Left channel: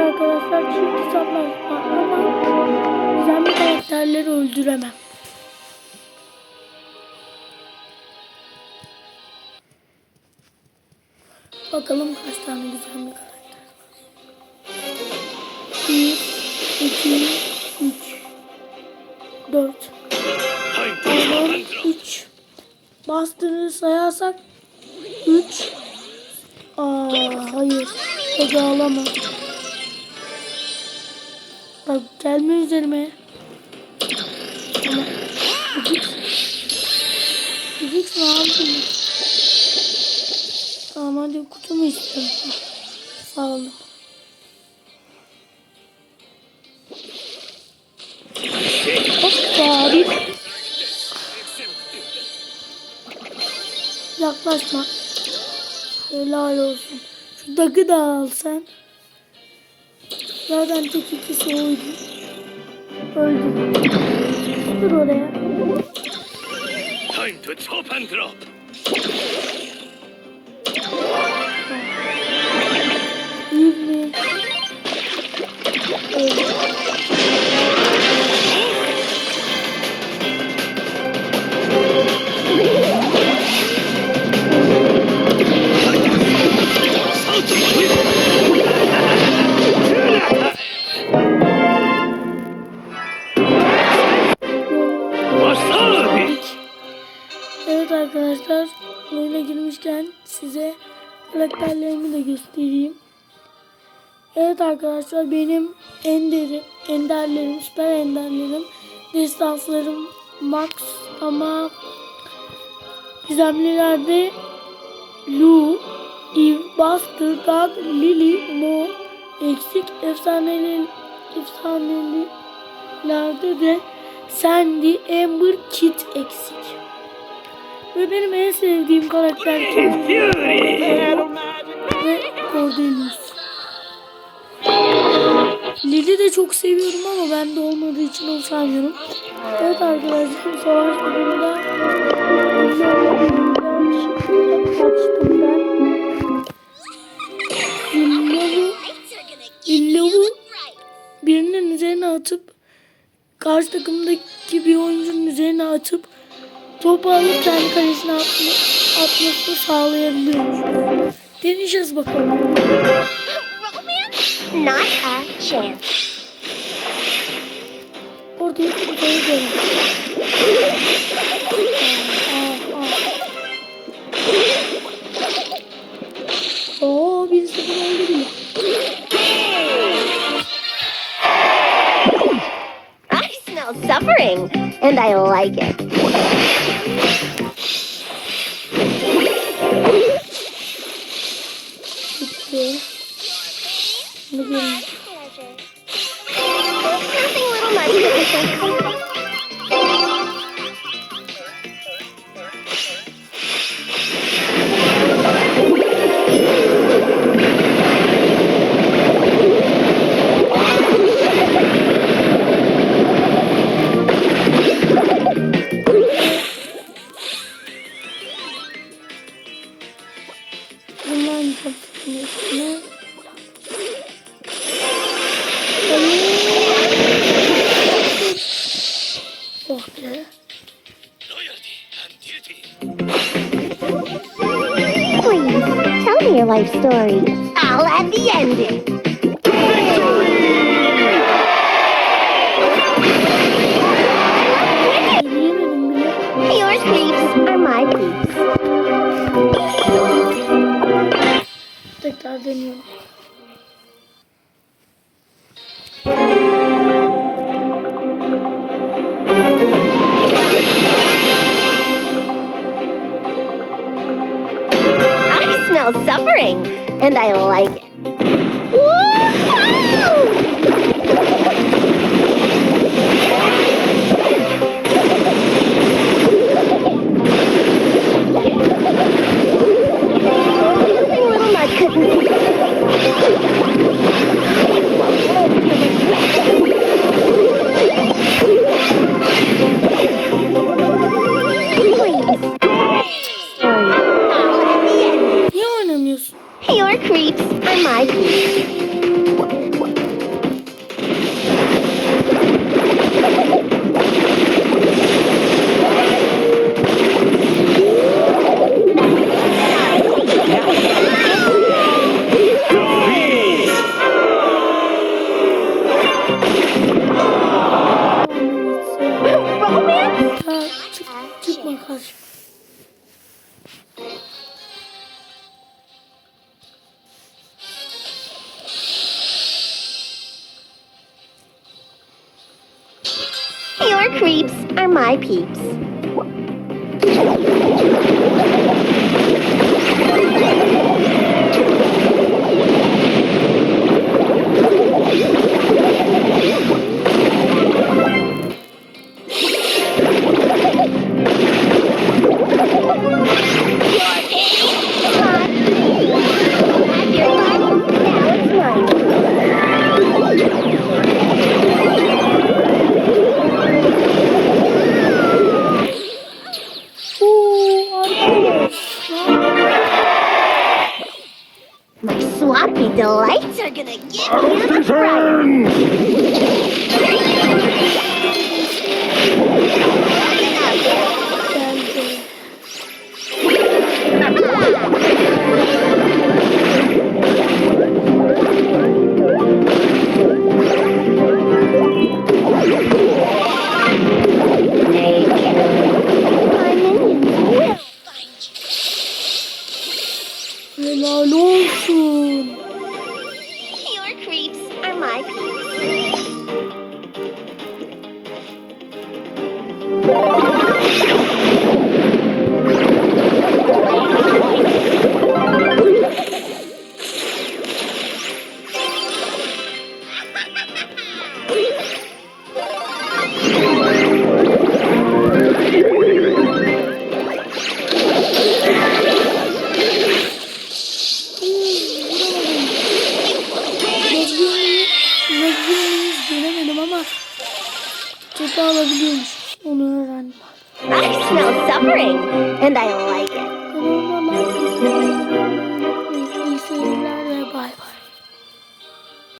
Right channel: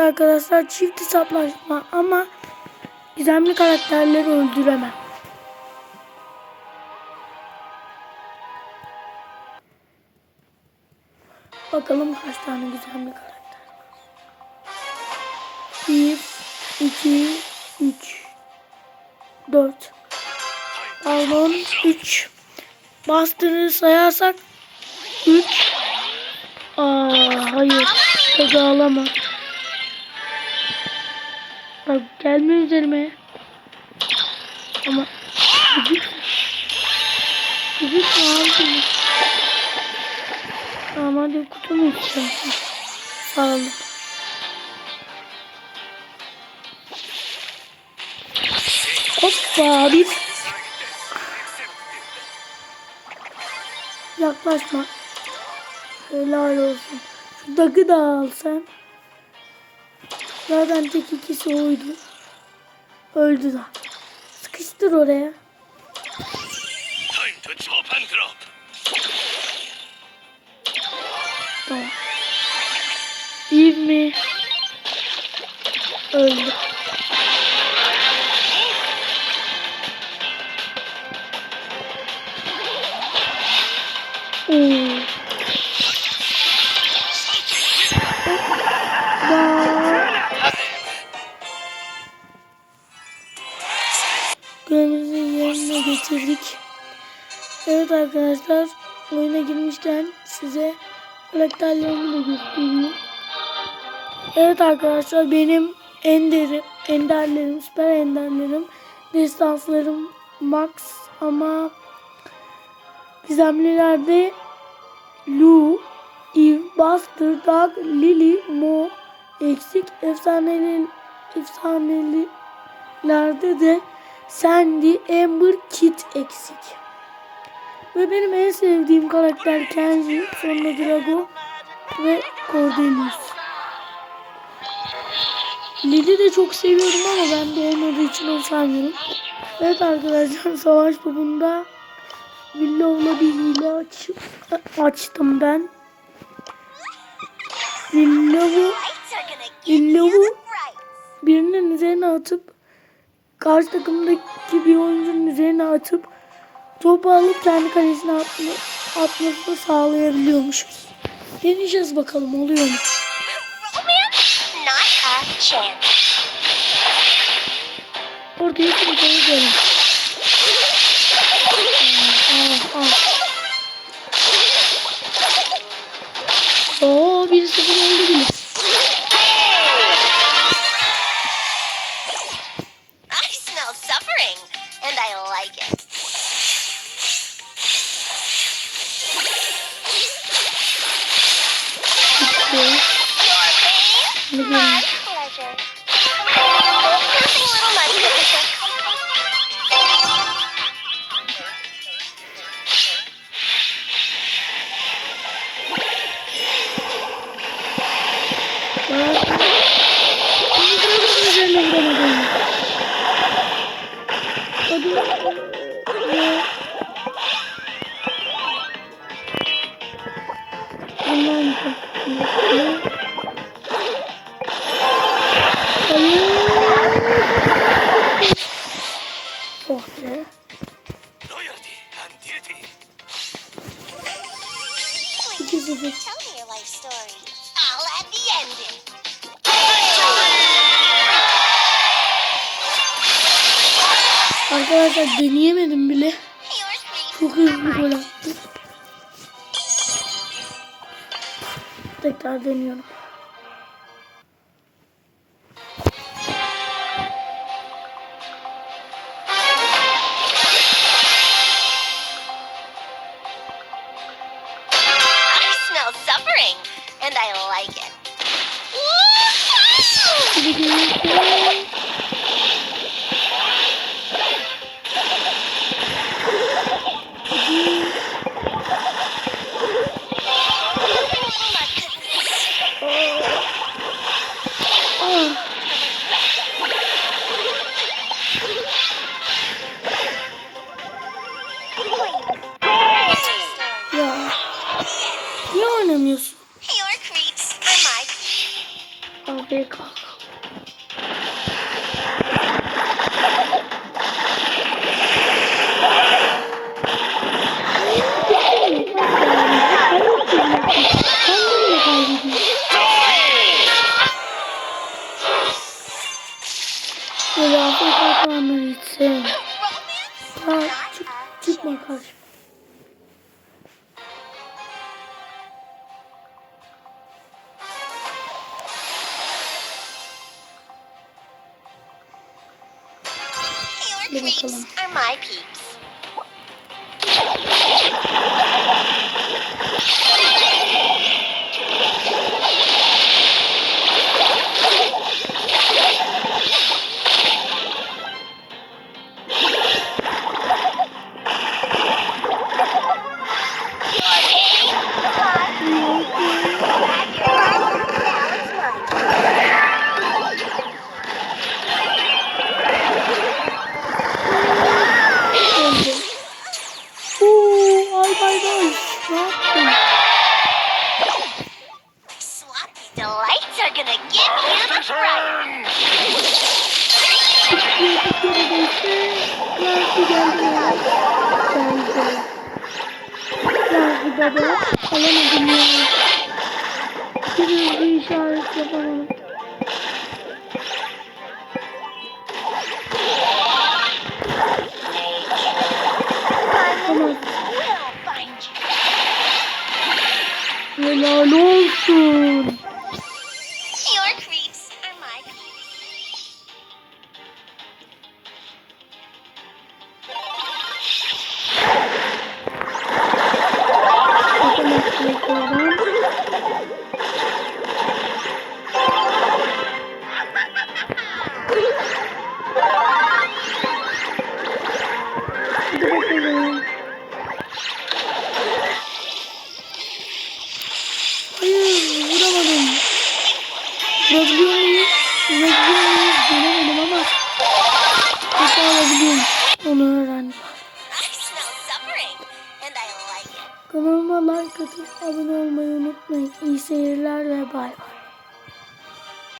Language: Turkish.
arkadaşlar çift hesaplaşma ama gizemli karakterleri öldüremem. Bakalım kaç tane gizemli karakter var. 1, 2, 3, 4, Pardon 3. Bastırı sayarsak 3. Aa hayır. Tadı alamam. Bak gelme üzerime. Ama gıcık. Gıcık mı abi? Tamam hadi kutumu istiyorum. Sağ olun. Hoppa bir. Yaklaşma. Helal olsun. Şu dagı da al sen. Zaten tek ikisi oydu. Öldü. Sıkıştır oraya. Time to chop and drop. İyi mi? Öldü. Evet arkadaşlar oyuna girmişken size karakterlerimi de göstereyim. Evet arkadaşlar benim enderim, enderlerim, süper enderlerim, destanslarım max ama gizemlilerde Lu, Eve, Buster, Doug, Lily, Mo eksik efsaneli efsanelilerde de Sandy, Amber, Kit eksik. Ve benim en sevdiğim karakter Kenzie, Sandra Drago ve Cordelius. Lili de çok seviyorum ama bende olmadığı için onu saymıyorum. Evet arkadaşlar savaş bölümünde Lilla'la bir hile aç- açtım ben. Lilla'yı Lilla'yı birinin üzerine atıp karşı takımdaki bir oyuncunun üzerine atıp topu alıp kendi kalesine atma, atmasını sağlayabiliyormuş. Deneyeceğiz bakalım oluyor? Not a chance. Orada ilk bir kere görün. and I like it. Okay. Your pain, my pleasure. Little. life story. All at the ending. Ben Dinleyemedim bile. Yours please. Am I? Tekrar deniyorum. Smell suffering, and I like it. Woo-hoo! Creeps treats for my. creeps are my peeps. are gonna get me the boring, and I